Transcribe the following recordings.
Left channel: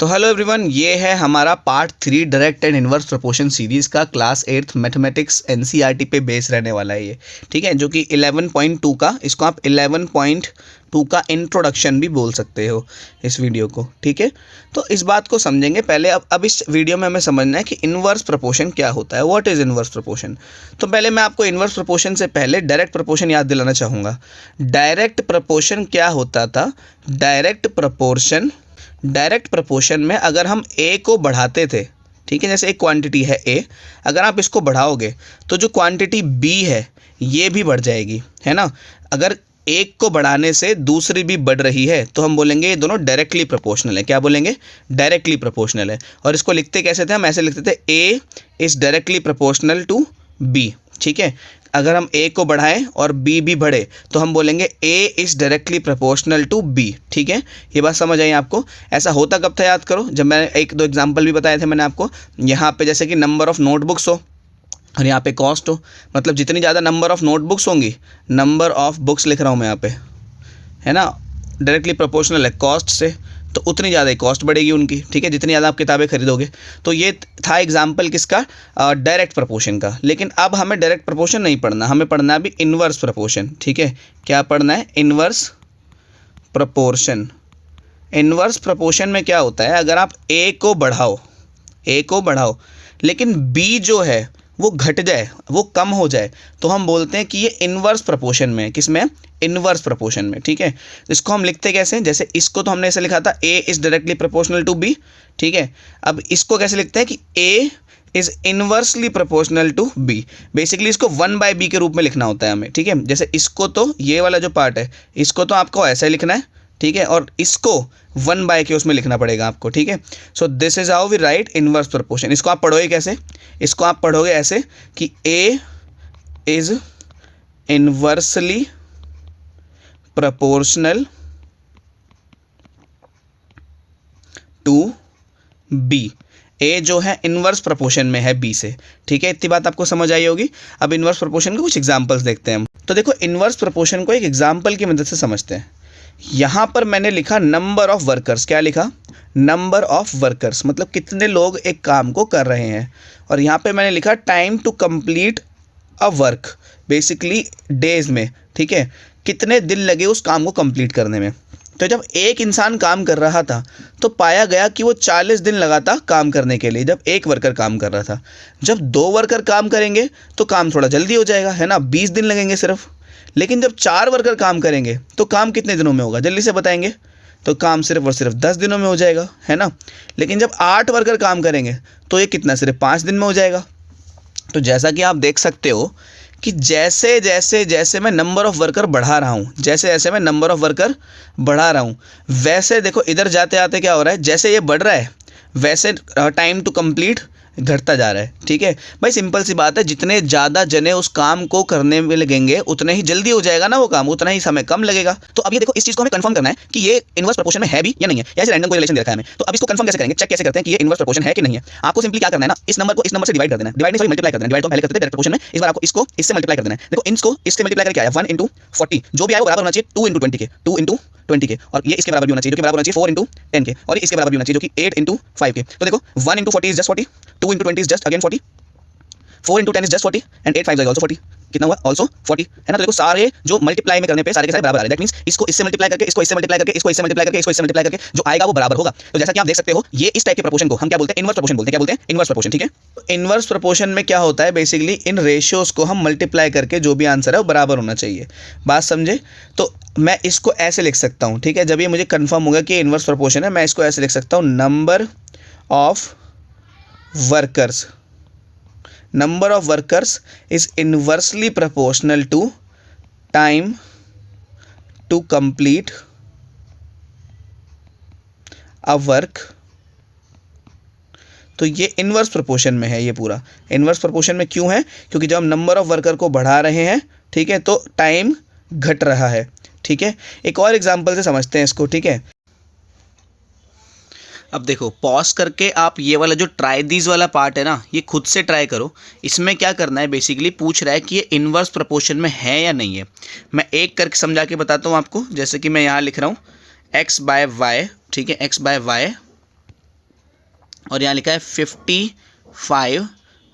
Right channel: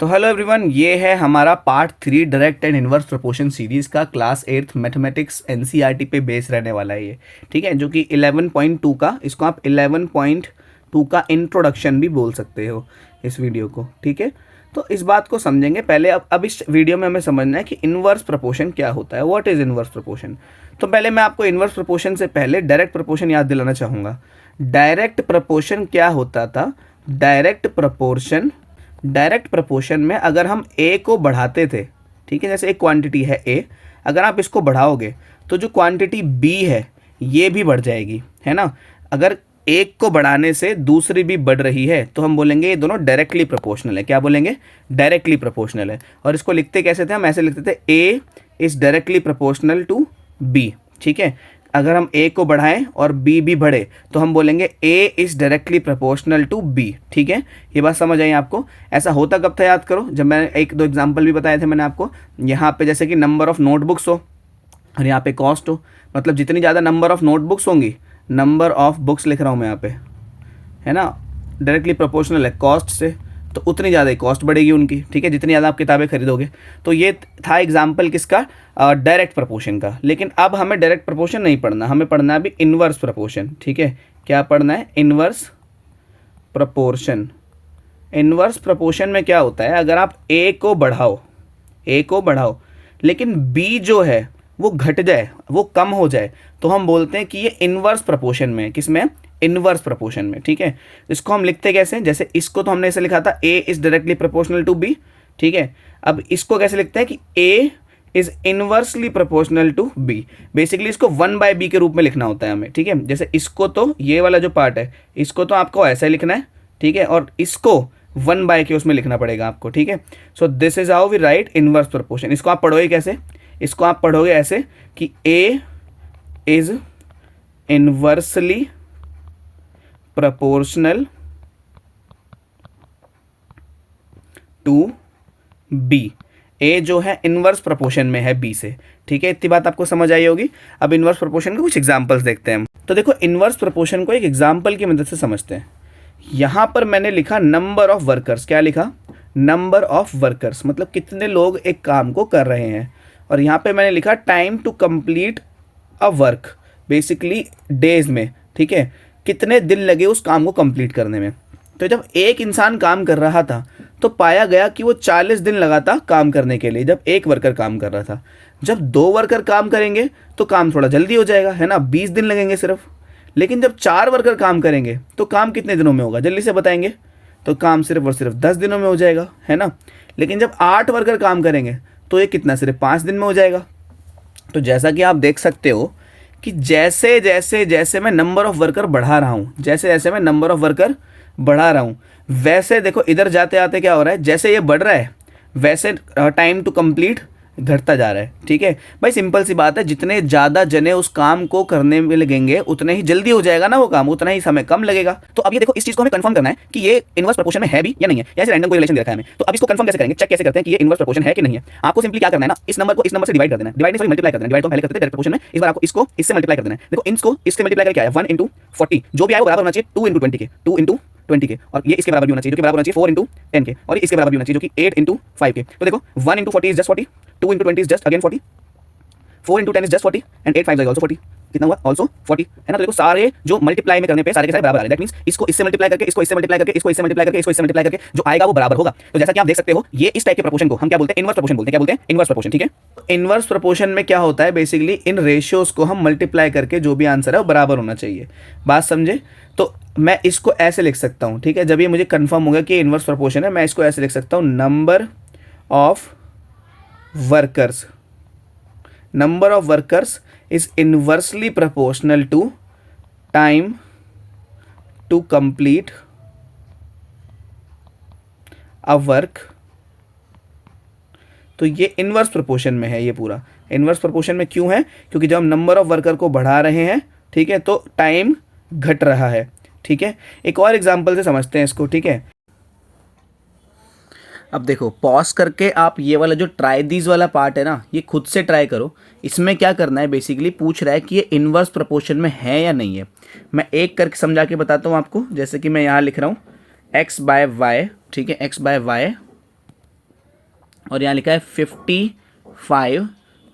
तो hello everyone, ये है हमारा part 3 direct and inverse proportion series का क्लास 8th मैथमेटिक्स एनसीईआरटी पे बेस रहने वाला है ये। ठीक है, जो कि 11.2 का, इसको आप 11.2 का इंट्रोडक्शन भी बोल सकते हो इस वीडियो को। ठीक है, तो इस बात को समझेंगे पहले। अब इस वीडियो में हमें समझना है कि इनवर्स प्रोपोर्शन क्या होता है, व्हाट इज़ इनवर्स प्रोपोर्शन। तो पहले मैं आपको इनवर्स प्रोपोर्शन से पहले डायरेक्ट प्रोपोर्शन याद दिलाना चाहूँगा। डायरेक्ट प्रोपोर्शन क्या होता था? डायरेक्ट प्रोपोर्शन में अगर हम ए को बढ़ाते थे, ठीक है, जैसे एक क्वांटिटी है ए, अगर आप इसको बढ़ाओगे तो जो क्वांटिटी बी है ये भी बढ़ जाएगी, है ना। अगर एक को बढ़ाने से दूसरी भी बढ़ रही है तो हम बोलेंगे ये दोनों डायरेक्टली प्रोपोर्शनल है। क्या बोलेंगे? डायरेक्टली प्रोपोर्शनल है। और इसको लिखते कैसे थे? हम ऐसे लिखते थे A is directly proportional to B. ठीक है, अगर हम ए को बढ़ाएं और बी भी बढ़े तो हम बोलेंगे A is directly proportional to B. ठीक है, ये बात समझ आई आपको? ऐसा होता कब था याद करो, जब मैंने एक दो एग्जांपल भी बताए थे मैंने आपको। यहाँ पे जैसे कि नंबर ऑफ नोटबुक्स हो और यहाँ पे कॉस्ट हो, मतलब जितनी ज़्यादा नंबर ऑफ नोटबुक्स होंगी, नंबर ऑफ बुक्स लिख रहा हूँ मैं यहाँ पे, है ना, डायरेक्टली प्रोपोर्शनल है कॉस्ट से, तो उतनी ज़्यादा ही कॉस्ट बढ़ेगी उनकी। ठीक है, जितनी ज़्यादा आप किताबें खरीदोगे। तो ये था एग्जाम्पल किसका? डायरेक्ट प्रोपोर्शन का। लेकिन अब हमें डायरेक्ट प्रोपोर्शन नहीं पढ़ना, हमें पढ़ना है अभी इन्वर्स प्रोपोर्शन। ठीक है, क्या पढ़ना है? Inverse proportion. इन्वर्स प्रोपोर्शन में क्या होता है? अगर आप ए को बढ़ाओ लेकिन बी जो है वो घट जाए, वो कम हो जाए, तो हम बोलते हैं कि ये इन्वर्स प्रोपोर्शन में है। किस में? इन्वर्स प्रोपोर्शन में। ठीक है, इसको हम लिखते कैसे? जैसे इसको तो हमने ऐसे लिखा था A is directly proportional to B. ठीक है, अब इसको कैसे लिखते हैं कि A is inversely proportional to B. Basically इसको 1/b के रूप में लिखना होता है हमें। ठीक है, जैसे इसको तो ये वाला जो पार्ट है इसको तो आपको ऐसे लिखना है, ठीक है, और इसको 1/के उसमें लिखना पड़ेगा आपको। ठीक है, so this is how we write inverse proportion. इसको आप पढ़ोगे कैसे? इसको आप पढ़ोगे ऐसे कि A is inversely proportional to B. A जो है इनवर्स प्रोपोर्शन में है बी से। ठीक है, इतनी बात आपको समझ आई होगी। अब इनवर्स प्रोपोर्शन के कुछ एग्जांपल्स देखते हैं हम। तो देखो, इनवर्स प्रोपोर्शन को एक एग्जांपल की मदद से समझते हैं। यहाँ पर मैंने लिखा नंबर ऑफ वर्कर्स। क्या लिखा? नंबर ऑफ वर्कर्स, मतलब कितने लोग एक काम को कर रहे हैं। और यहाँ पे मैंने लिखा time to complete a work, basically days में। ठीक है, कितने दिन लगे उस काम को कंप्लीट करने में। तो जब एक इंसान काम कर रहा था तो पाया गया कि वो 40 दिन लगा था काम करने के लिए, जब एक वर्कर काम कर रहा था। जब 2 वर्कर काम करेंगे तो काम थोड़ा जल्दी हो जाएगा, है ना, 20 दिन लगेंगे सिर्फ। लेकिन जब 4 वर्कर काम करेंगे तो काम कितने दिनों में होगा? जल्दी से बताएंगे। तो काम सिर्फ और सिर्फ 10 दिनों में हो जाएगा, है ना। लेकिन जब 8 वर्कर काम करेंगे तो ये कितना? सिर्फ 5 दिन में हो जाएगा। तो जैसा कि आप देख सकते हो कि जैसे जैसे जैसे मैं नंबर ऑफ वर्कर बढ़ा रहा हूँ, वैसे देखो इधर जाते आते क्या हो रहा है, जैसे ये बढ़ रहा है वैसे टाइम टू कंप्लीट घटता जा रहा है। ठीक है भाई, सिंपल सी बात है, जितने ज़्यादा जने उस काम को करने में लगेंगे उतने ही जल्दी हो जाएगा ना वो काम, उतना ही समय कम लगेगा। तो अब ये देखो, इस चीज़ को हमें कंफर्म करना है कि ये इनवर्स प्रोपोर्शन में है भी या नहीं है, या ऐसे रैंडम कोई रिलेशन दे रखा है हमें। तो अब इसको कंफर्म कैसे करेंगे, चेक कैसे करते हैं कि ये इनवर्स प्रोपोर्शन है कि नहीं है? आपको सिंपली क्या करना है ना, इस नंबर को इस नंबर से डिवाइड कर देना है। डिवाइड नहीं, मल्टीप्लाई कर देना है। डिवाइड तो पहले करते थे डायरेक्ट प्रोपोर्शन में, इस बार आपको इसको इससे मल्टीप्लाई कर देना है। देखो, इसको इससे मल्टीप्लाई करके आया 1 × 40, जो भी आया वो बराबर होना चाहिए 2 × 20 के, 2 × 20 के। और ये इसके बराबर भी होना चाहिए, जो कि बराबर होना चाहिए 4 × 10 के, और इसके बराबर भी होना चाहिए जो कि 8 × 5 के। तो देखो, 1 × 40 is just 40, 2 × 20 is just again 40, 4 × 10 is just 40 and 8 5 is also 40। कितना हुआ? ऑल्सो 40, है ना। तो देखो, सारे जो मल्टीप्लाई में करने पे सारे के सारे बराबर आ रहे हैं। दैट मींस इसको इससे मल्टीप्लाई करके, इसको इससे मल्टीप्लाई करके, इसको इससे मल्टीप्लाई करके, इसको इससे मल्टीप्लाई करके जो आएगा वो बराबर होगा। तो जैसा कि आप देख सकते हो, ये इस टाइप के प्रोपोर्शन को हम क्या बोलते हैं? इनवर्स प्रोपोर्शन बोलते हैं। क्या बोलते हैं? Inverse proportion. ठीक है, इनवर्स प्रोपोर्शन में क्या होता है? बेसिकली इन रेशियोज को हम मल्टीप्लाई करके जो भी आंसर है वो बराबर होना चाहिए। बात समझे? तो मैं इसको ऐसे लिख सकता हूँ। ठीक है, जब ये मुझे कंफर्म हो गया कि इनवर्स प्रोपोर्शन है, मैं इसको ऐसे लिख सकता हूँ, number of workers is inversely proportional to time to complete a work। तो ये इनवर्स प्रोपोर्शन में है। ये पूरा इनवर्स प्रोपोर्शन में क्यों है? क्योंकि जब हम नंबर ऑफ वर्कर को बढ़ा रहे हैं, ठीक है, तो टाइम घट रहा है। ठीक है, एक और एग्जांपल से समझते हैं इसको। ठीक है, अब देखो, पॉज करके आप ये वाला जो ट्राई दीज वाला पार्ट है ना, ये खुद से ट्राई करो। इसमें क्या करना है, बेसिकली पूछ रहा है कि ये इनवर्स प्रोपोर्शन में है या नहीं है। मैं एक करके समझा के बताता हूँ आपको। जैसे कि मैं यहाँ लिख रहा हूँ x/y, ठीक है, x/y और यहाँ लिखा है 55,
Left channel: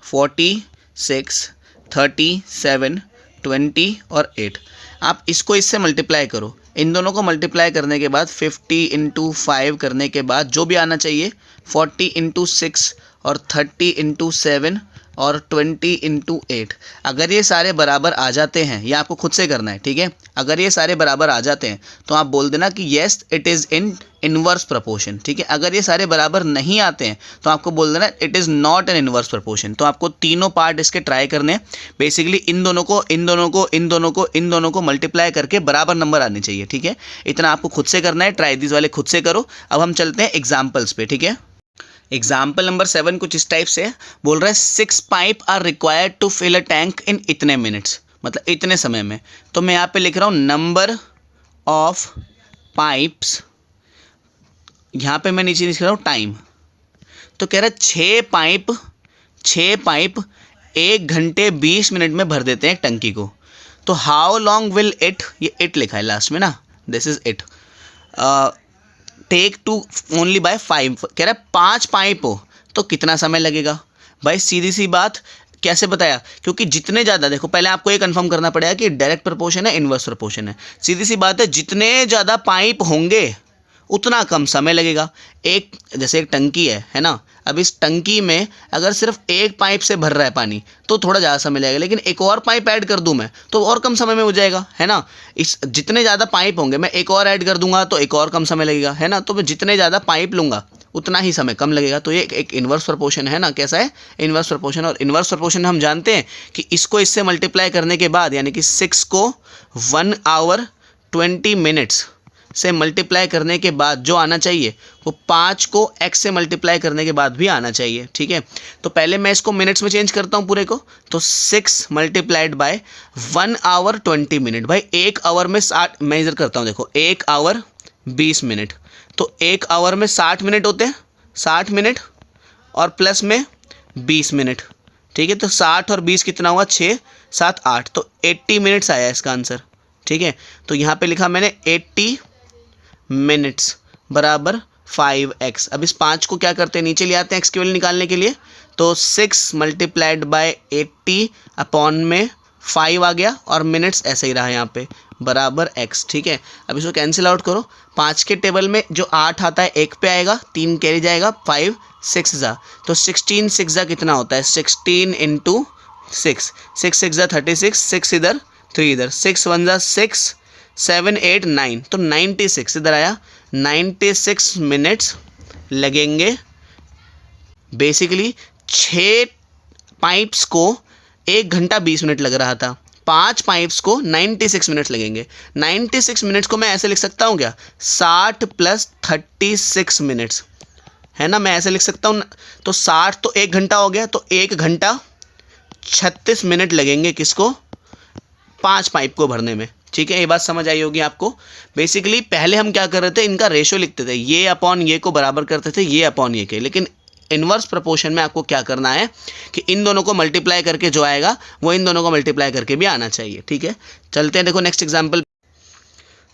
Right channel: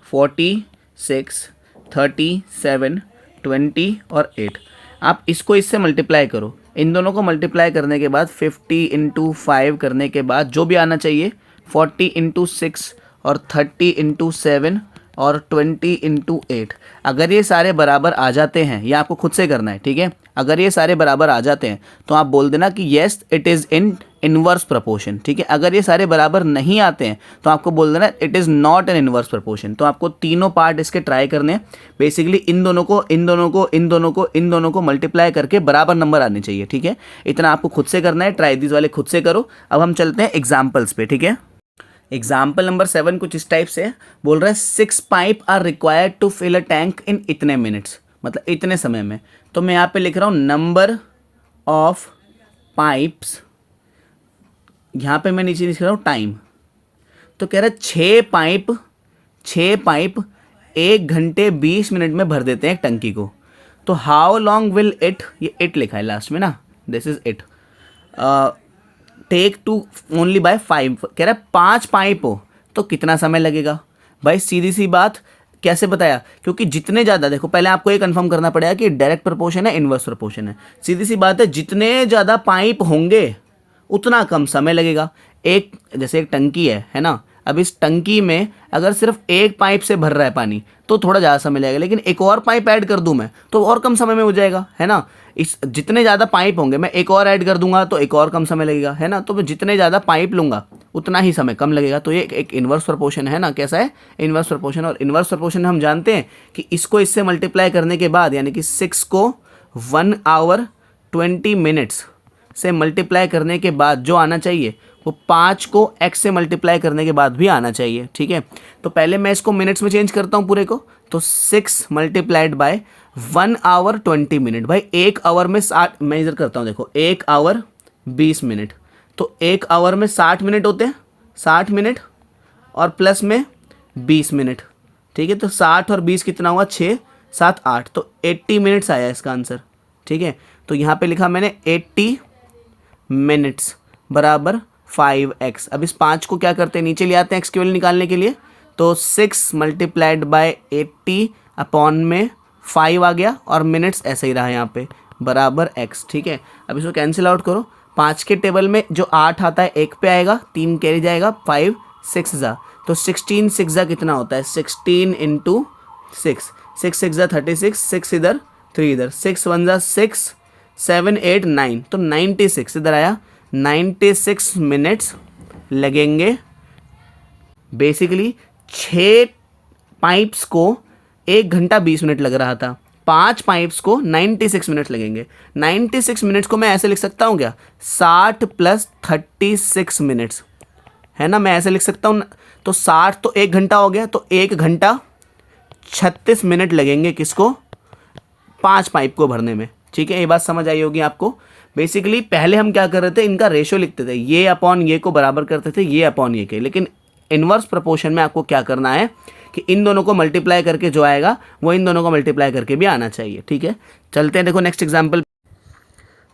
46, 37, 20 और 8। आप इसको इससे मल्टीप्लाई करो, इन दोनों को मल्टीप्लाई करने के बाद 50 इंटू 5 करने के बाद जो भी आना चाहिए 40 इंटू 6 और 30 इंटू 7 और 20 इंटू 8। अगर ये सारे बराबर आ जाते हैं, ये आपको खुद से करना है, ठीक है। अगर ये सारे बराबर आ जाते हैं तो आप बोल देना कि yes it is in inverse proportion, ठीक है। अगर ये सारे बराबर नहीं आते हैं तो आपको बोल देना it is not an inverse proportion. तो आपको तीनों पार्ट इसके ट्राई करने हैं। बेसिकली इन दोनों को इन दोनों को इन दोनों को इन दोनों को मल्टीप्लाई करके बराबर नंबर आने चाहिए, ठीक है। इतना आपको खुद से करना है, ट्राई दिस वाले खुद से करो। अब हम चलते हैं एग्जाम्पल्स पे, ठीक है। एग्जाम्पल नंबर 7 कुछ इस टाइप से बोल रहा है 6 pipe are required to fill a tank in इतने मिनट्स, मतलब इतने समय में। तो मैं यहाँ पे लिख रहा हूँ नंबर ऑफ पाइप्स, यहाँ पे मैं नीचे लिख रहा हूँ टाइम। तो कह रहा है 6 पाइप 1 घंटे 20 मिनट में भर देते हैं टंकी को। तो हाउ लॉन्ग विल इट, ये इट लिखा है लास्ट में ना, this is it, take to only by 5। कह रहा है 5 पाइप हो तो कितना समय लगेगा। भाई सीधी सी बात, कैसे बताया, क्योंकि जितने ज़्यादा, देखो पहले आपको ये कंफर्म करना पड़ेगा कि डायरेक्ट प्रपोर्शन है इनवर्स प्रपोर्शन है। सीधी सी बात है, जितने ज़्यादा पाइप होंगे उतना कम समय लगेगा। एक जैसे एक टंकी है ना, अब इस टंकी में अगर सिर्फ एक पाइप से भर रहा है पानी तो थोड़ा ज़्यादा समय लगेगा, लेकिन एक और पाइप ऐड कर दूं मैं तो और कम समय में हो जाएगा, है ना। इस जितने ज़्यादा पाइप होंगे, मैं एक और ऐड कर दूंगा तो एक और कम समय लगेगा, है ना। तो मैं जितने ज़्यादा पाइप लूँगा उतना ही समय कम लगेगा। तो ये एक इन्वर्स प्रपोर्शन है ना, कैसा है, इन्वर्स प्रपोर्शन। और इन्वर्स प्रपोर्शन हम जानते हैं कि इसको इससे मल्टीप्लाई करने के बाद, यानी कि 6 को 1 आवर 20 मिनट्स से मल्टीप्लाई करने के बाद जो आना चाहिए वो 5 को x से मल्टीप्लाई करने के बाद भी आना चाहिए, ठीक है। तो पहले मैं इसको मिनट्स में चेंज करता हूँ पूरे को, तो 6 मल्टीप्लाइड बाय 1 आवर 20 मिनट। भाई 1 आवर में 60, मैं इधर करता हूँ, देखो 1 आवर 20 मिनट, तो 1 आवर में 60 मिनट होते हैं, 60 मिनट और प्लस में 20 मिनट, ठीक है। तो 60 और 20 कितना हुआ, 6 7 8, तो 80 मिनट्स आया इसका आंसर, ठीक है। तो यहाँ पे लिखा मैंने 80 मिनट्स बराबर 5x। अब इस 5 को क्या करते हैं, नीचे ले आते हैं x की वैल्यू निकालने के लिए। तो 6 मल्टीप्लाइड बाय 80 अपॉन में 5 आ गया और मिनट्स ऐसे ही रहा यहाँ पे बराबर x, ठीक है। अब इसको कैंसिल आउट करो, 5 के टेबल में जो 8 आता है 1 पे आएगा, 3 कैरी जाएगा, 5 6 जा, तो 16 6 जा कितना होता है, 16 इंटू 6, 6 6 जा 36, 6 इधर 3 इधर, 6 1 जा 6 7 8 9, तो 96 इधर आया, 96 मिनट्स लगेंगे। बेसिकली 6 पाइप्स को 1 घंटा 20 मिनट लग रहा था, 5 पाइप्स को 96 मिनट्स लगेंगे। 96 मिनट्स को मैं ऐसे लिख सकता हूँ क्या, 60 प्लस 36 मिनट्स, है ना, मैं ऐसे लिख सकता हूँ। तो 60 तो 1 घंटा हो गया, तो 1 घंटा 36 मिनट लगेंगे किसको, 5 पाइप को भरने में, ठीक है। ये बात समझ आई होगी आपको। बेसिकली पहले हम क्या कर रहे थे, इनका रेशो लिखते थे, ये अपॉन ये को बराबर करते थे, ये अपॉन ये के, लेकिन इनवर्स प्रोपोर्शन में आपको क्या करना है कि इन दोनों को मल्टीप्लाई करके जो आएगा वो इन दोनों को मल्टीप्लाई करके भी आना चाहिए, ठीक है। चलते हैं, देखो नेक्स्ट एग्जाम्पल।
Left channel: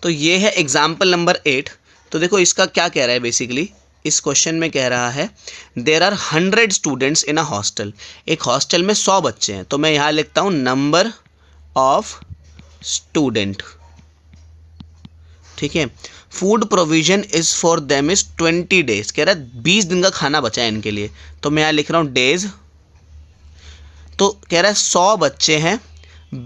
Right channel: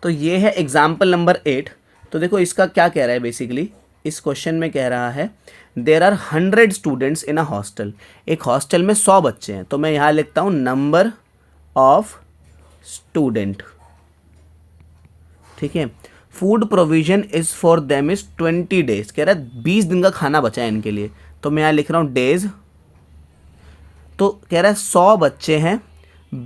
तो ये है एग्जाम्पल नंबर 8। तो देखो इसका क्या कह रहा है, बेसिकली इस क्वेश्चन में कह रहा है there are 100 students in a hostel. एक हॉस्टल में 100 बच्चे हैं, तो मैं यहाँ लिखता हूँ नंबर ऑफ स्टूडेंट, ठीक है। Food provision is for them is 20 days, कह रहा है 20 दिन का खाना बचा है इनके लिए, तो मैं यहाँ लिख रहा हूँ डेज। तो कह रहा है 100 बच्चे हैं,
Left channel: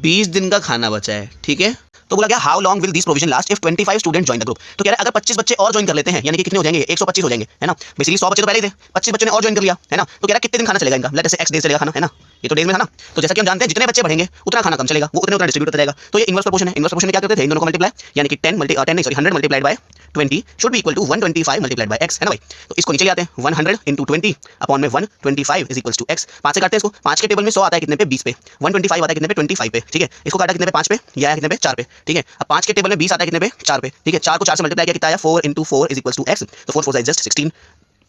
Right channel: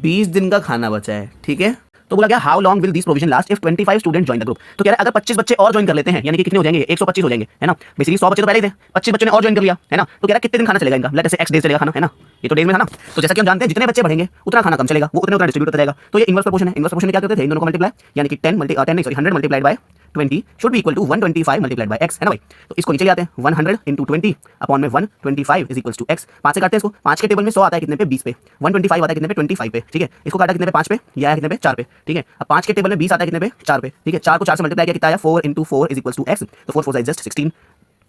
20 दिन का खाना बचा है, ठीक है। तो बोला क्या, how long will this provision last if 25 student join the group. तो कह रहा है अगर 25 बच्चे और ज्वाइन कर लेते हैं, यानी कि कितने हो जाएंगे, 125 हो जाएंगे, है ना। बेसिकली 100 बच्चे तो पहले ही थे, 25 बच्चों ने और ज्वाइन कर लिया, है ना। तो कह रहा है कितने दिन खाना चलेगा इनका, लेट से x डेज चलेगा खाना, है ना, ये तो डेज में था ना। तो जैसा कि हम जानते हैं जितने बच्चे बढ़ेंगे उतना खाना कम चलेगा, वो उतना डिस्ट्रीब्यूट होता जाएगा। तो ये इनवर्स प्रोपोर्शन है। इनवर्स प्रोपोर्शन में क्या करते थे, इन दोनों को मल्टीप्लाई, यानी कि 100 multiplied by 20 should be equal to 125 multiplied by x, है ना भाई। तो इसको नीचे ले आते हैं, 100 इंटू 20 अपॉन में 125 इज इक्वल टू x। 5 से काटते हैं इसको, 5 के टेबल में 100 आता है कितने पे, 20 पे, 125 आता है कितने पे, 25 पे, ठीक है। इसको काटा कितने पे, 5 पे, यह आया कितने पे, 4 पे, ठीक है। अब 5 के टेबल में 20 आता है कितने पे, 4 पे, ठीक है। 4 को 4 से मल्टीप्लाई किया कितना आया, 4 into 4 is equal to x। तो 4 4 इज जस्ट 16।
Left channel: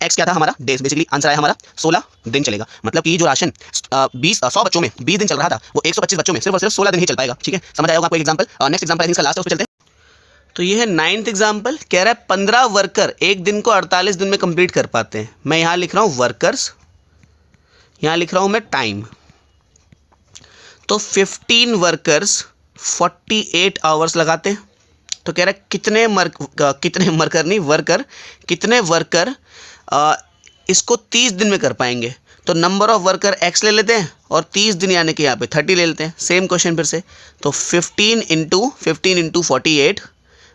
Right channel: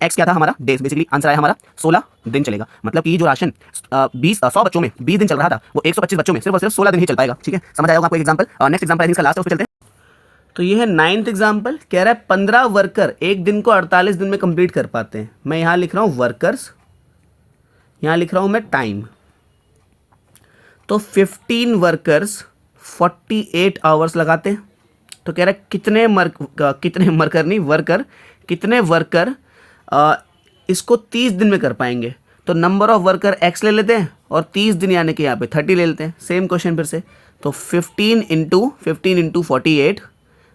x क्या था हमारा, डेज, बेसिकली आंसर आया हमारा 16 दिन चलेगा। मतलब कि जो राशन 100 बच्चों में 20 दिन चल रहा था वो 125 बच्चों में सिर्फ और सिर्फ 16 दिन ही चल पाएगा, ठीक है। समझ आएगा आपको एक एग्जांपल। नेक्स्ट एग्जांपल इसका लास्ट है, उस पे चलते हैं। तो ये है 9th एग्जाम्पल, कह रहा है 15 वर्कर एक दिन को 48 दिन में कंप्लीट कर पाते हैं। मैं यहाँ लिख रहा हूँ वर्कर्स, यहाँ लिख रहा हूँ मैं टाइम। तो 15 वर्कर्स 48 आवर्स लगाते हैं। तो कह रहा है कितने वर्कर इसको 30 दिन में कर पाएंगे। तो नंबर ऑफ वर्कर x ले लेते हैं और 30 दिन यानी कि यहाँ पे 30 ले लेते हैं। सेम क्वेश्चन फिर से, तो 15 इंटू 48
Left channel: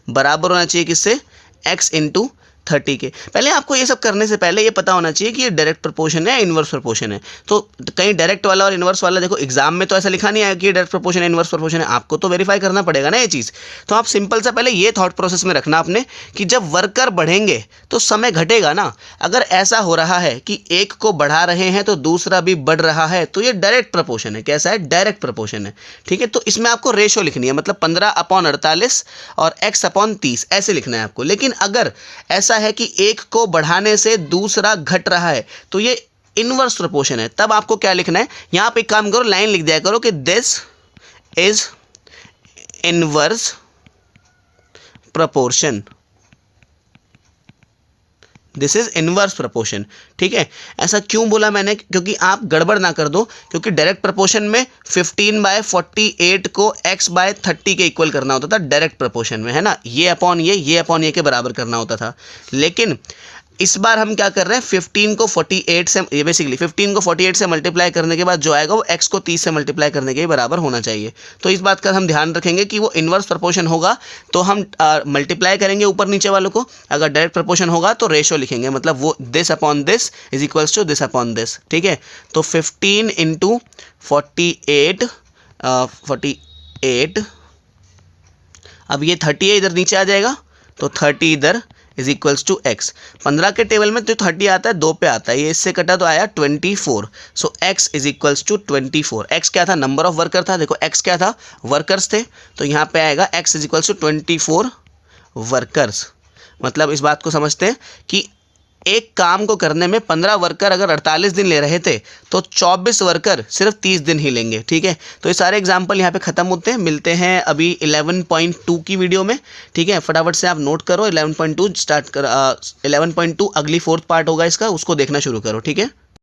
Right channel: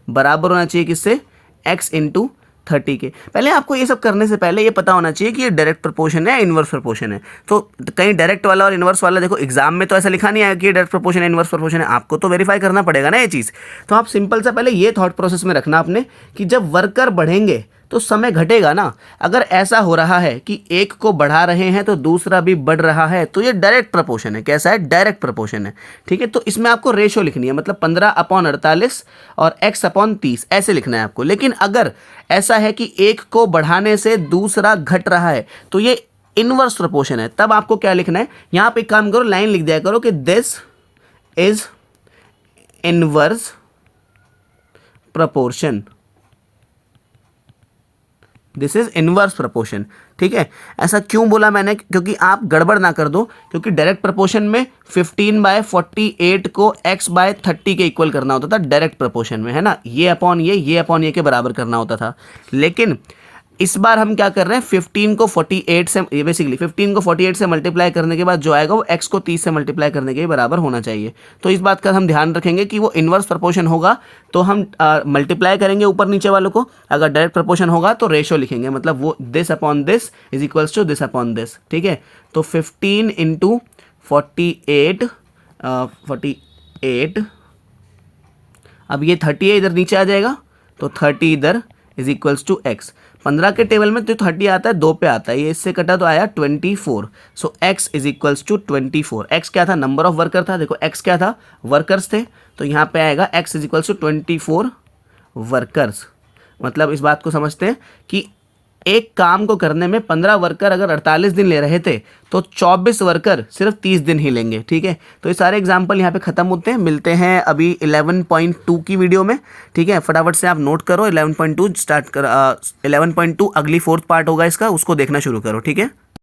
बराबर होना चाहिए किससे, x इंटू 30 के। पहले आपको ये सब करने से पहले ये पता होना चाहिए कि ये डायरेक्ट प्रोपोर्शन है या इन्वर्स प्रोपोर्शन है। तो कहीं डायरेक्ट वाला और इन्वर्स वाला, देखो एग्जाम में तो ऐसा लिखा नहीं आया कि ये डायरेक्ट प्रोपोर्शन है इन्वर्स प्रोपोर्शन है, आपको तो वेरीफाई करना पड़ेगा ना ये चीज़। तो आप सिंपल से पहले ये थॉट प्रोसेस में रखना आपने कि जब वर्कर बढ़ेंगे तो समय घटेगा ना। अगर ऐसा हो रहा है कि एक को बढ़ा रहे हैं तो दूसरा भी बढ़ रहा है, तो ये डायरेक्ट प्रोपोर्शन है। कैसा है, डायरेक्ट प्रोपोर्शन है। ठीक है, तो इसमें आपको रेशो लिखनी है, मतलब 15/48 और x/30 ऐसे लिखना है आपको। लेकिन अगर ऐसा है कि एक को बढ़ाने से दूसरा घट रहा है तो ये इनवर्स प्रोपोर्शन है। तब आपको क्या लिखना है, यहां पे एक काम करो, लाइन लिख दिया करो कि this is inverse proportion, this is inverse proportion. ठीक है, ऐसा क्यों बोला मैंने, क्योंकि आप गड़बड़ ना कर दो। क्योंकि डायरेक्ट प्रोपोर्शन में 15/48 को x/30 के इक्वल करना होता था डायरेक्ट प्रोपोर्शन में, है ना, ये अपॉन ये के बराबर करना होता था। लेकिन इस बार हम क्या कर रहे हैं, 15 को 48 से, ये बेसिकली 15 को 48 से मल्टीप्लाई करने के बाद जो आएगा वो x को 30 से मल्टीप्लाई करने के बराबर होना चाहिए। तो इस बात का हम ध्यान रखेंगे कि वो इन्वर्स प्रोपोर्शन होगा तो हम मल्टीप्लाई करेंगे ऊपर नीचे वालों को, अगर डायरेक्ट प्रोपोर्शन होगा तो रेशो लिखेंगे, मतलब वो this upon this is equals to this upon this. ठीक है, तो 15 इंटू 48 अब ये 30 है, इधर नीचे आ जाएगा, तो 30 इधर इज इक्वल्स टू एक्स। 15 के टेबल में तो 30 आता है, 2 पे आता है, ये इससे कटा तो आया 24। So X is equals to 24। X क्या था, नंबर ऑफ वर्कर था, देखो एक्स क्या था, वर्कर्स थे, तो यहाँ पे आएगा x is equals to 24 workers. मतलब इस बात को समझते हैं कि एक काम को करने में 15 वर्कर अगर 48 दिन ले रहे थे तो 24 वर्कर सिर्फ 30 दिन ही लेंगे। ठीक है, तो ये सारे एग्जाम्पल यहाँ पे ख़त्म होते हैं। मिलते हैं अभी 11.2 की वीडियो में। ठीक है, फटाफट से आप नोट करो, 11.2 स्टार्ट कर 11.2 अगली 4th पार्ट होगा इसका, उसको देखना शुरू करो। ठीक है।